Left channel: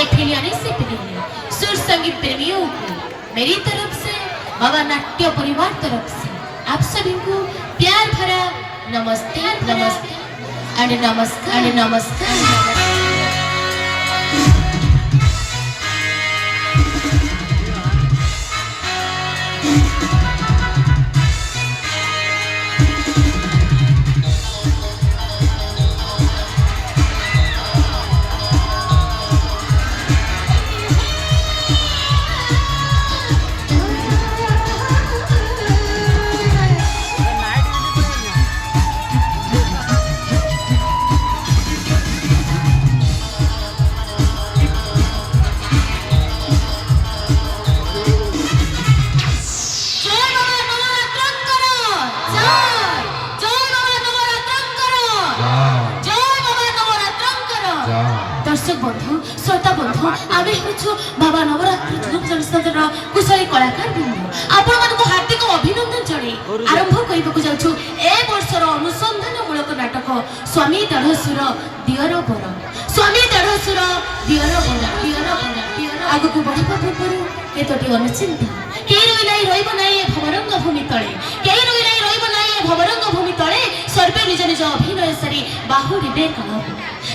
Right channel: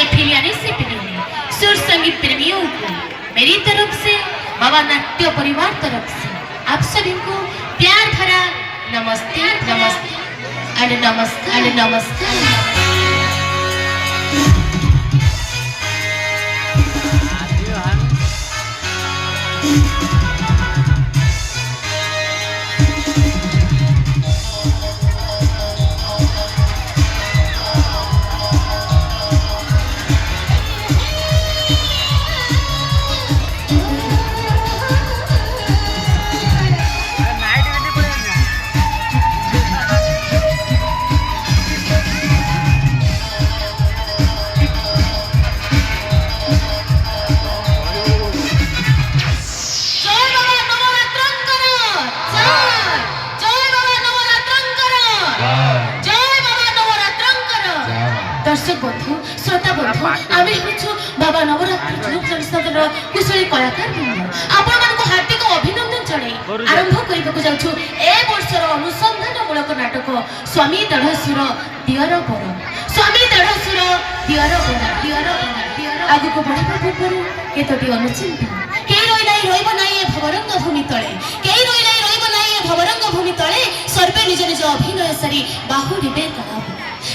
महफिलियाने से प्रेमी सुर संगीत प्रेमियों को मेरी तरफ से बाबा नाट्य परिवार तरफ से आप सभी को प्यार भरा नमस्ते नमस्ते एंड नमस्कार एंड नमस्कार। दर्शक बंधु श्रोता बंधु आमे होछु बाबा नवरात्रि ग्रुप संस्थार कुशली कलाकार बृंद आपण मानको हार्दिक अभिनंदन जणे आरंभ करिबकु जाउछु ए वर्षर अनुसंधानमूलक नाटक स्वामी दढ़सुर दियर बर स्वामी दढ़सुर दियर बर आगु बढ़िबा पूर्व केतोटी अनुचिंता के रोइलाई रोइब नाही ए भवरंग भूमि तळे के रोइलाई रोइब नाही ए भवरंग भूमि तळे सर्वे निज निज अभिनय सारी बाहुडीबे कलाबु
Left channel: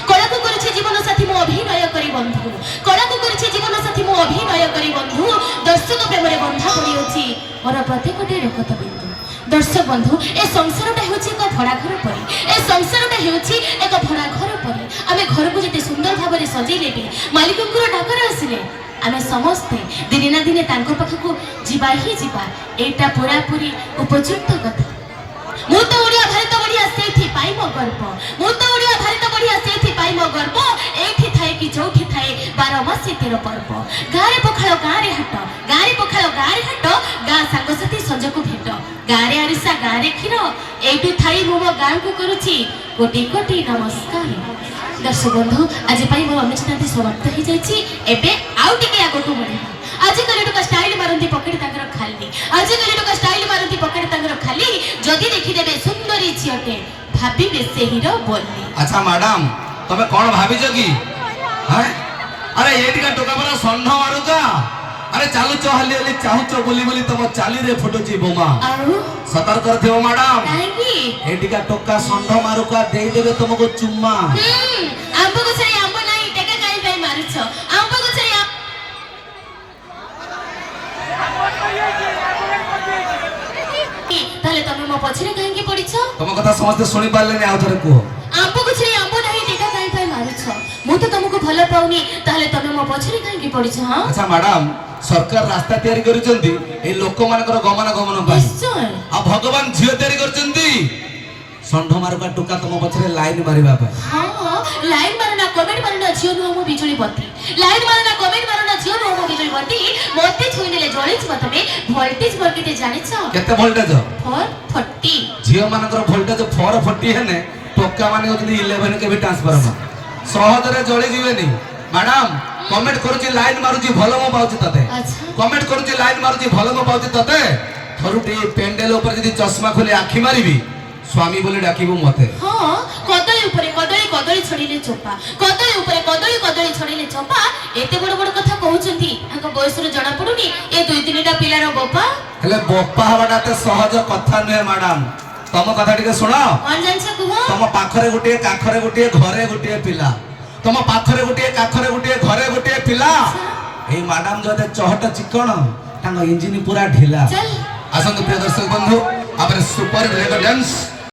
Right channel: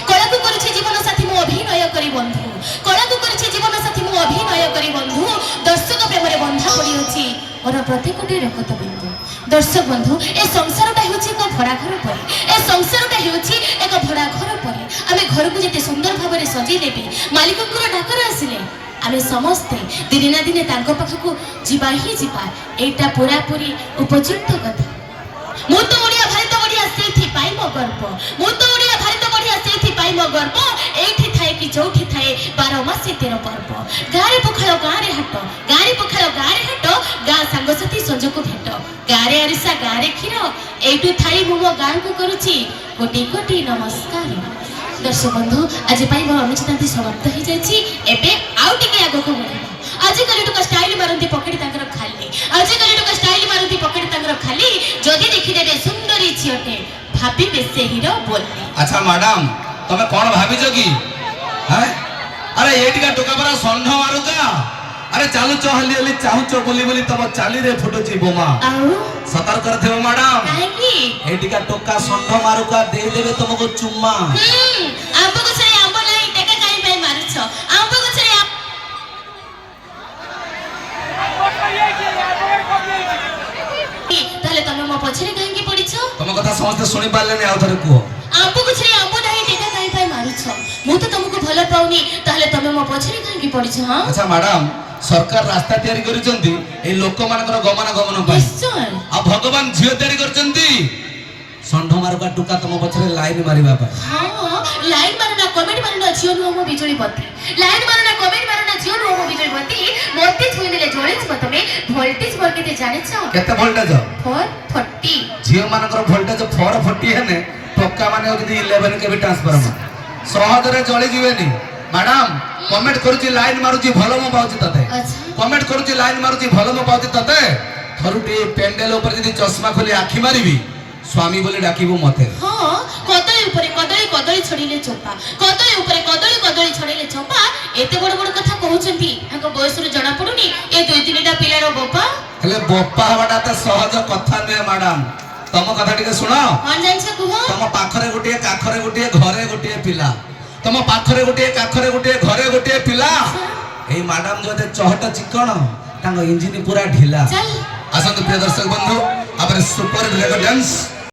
कलाकु करिछि जीवन साथी मो अभिनय करी बंधु कलाकु करिछि जीवन साथी मो अभिनय करी बंधु दर्शक प्रेम रे बंधा पड़ी अछि मोर प्रत्येकटी रेखत बिंदु दर्शक बंधु ए संसारटा होछि एक भड़ा घर परी ए संसारटा होछि एक भड़ा घर परी आमे घर को जते सुंदर भाबरे सजी लेबे मालिक को डाकर आसिले आमे समस्ते दिने ना दिने तांको पाखकु जिबा ही जिबा एटा पूरा पूरी उपयुक्त कथा मु तो ओडिया भारत बढ़िया सेठी पाई मो गर्व मु तो ओडिया भारत बढ़िया सेठी पाई मो गर्व एठी थाए कि जोठी थाए 12 मास 13 पर्व गारे पखाळ गारे हट गा सांगसाथी संजको भेट गारे अरिसा गारे खीर एठु थाई मु मो गां को करूची कोटी कोटी नमस्कार। दर्शक बंधु आज पाई मोर अनुचितांती समाप्त हो जायछि एबे आउ टिके आगो को बढ़े आज कले टका स्टाइल मारंती पकड़ी तांकर खाली आज कले टका स्टाइल मारंती पकड़ी तांकर खाली जदी देखि देबे सुंदरी छियटे भाबी से हीरो बोलली। अच्छा मैडम तबे कोन भाबी छ की हैं अरे एटिका टोका बरा सन्ध मारुका अरे चालू चहली हली चाहू च बोली बोली तब चाली रे फोटो जी बोमा आउ सतर्क रथियो मैडम काहे एटिका टोका सन्ध मारुका दे देबे तुमको चुम्मा आंबो को छे आंबो नाही टेका काई भाई मारुछ आंबो को छे ताले तमे मो पछरे काहे पड़िछ तुम कथा समझते सुनि पाले नि आउ थरे को आंबो को छे आंबो नाही टेका काई भाई मारुछ मु तो तुमको भला पाउनी ताले तमे मो पछरे काहे पड़िछ हां। अच्छा मैडम सरकार रास्ता तैयारी करिसंती ए लोक मानकर गमन पई निश्चय आ भगवान झियो तैयारी करचंती संढ मारुका टुका तुम पछरे लाइन मारिबा पे हां लाइन मारना कमेंट मारना झियो नो मो बिजुली बत्ती लाइन मारना कमेंट मारना झियो नो मो बिजुली बत्ती मोती छुई देले जळिछ मतमे वोल्टेज बोलते जानिछ केते वोल्टेज 440 झियो मानकर वोल्टेज 440 हेने टोका माने होती 11 के भी ट्रांसफार्मर सहजरे जळि जीवेनी मैडम कमेंट करूची लाइन मारूची भलो मो पाउची तते अच्छा कमेंट करूची लाइन मारूची भलो मो पाउची तते थरुटी पेंडल ऊपर जदी चश्मा खोली आखी मारिबी स्वामी बोले डाकिबो मते हां कदळी ऊपर कदळी छडीले चोपा कदळी ऊपर कदळी छडीले चोपा एते बड़ बड़ कथा कहउचंती हको बयस रे जणा पडुनी ए दुई तीनटा पिलार बप्पा हेले बप्पा हवाटा त सहज कथा नय मैडम तम कथा टिके सुनो कोन जानछ कुहो तम पाखरे गोटे काखरे गोटे घरे गोटे पिला तम पाखरे गोटे काखरे गोटे घरे गोटे पिला ए मैडम जते चहट चिकन तांग इंजिन पूरा ढिला चल आसंत प्रिय दर्शक बंधु आपरे सुपर लेग डांस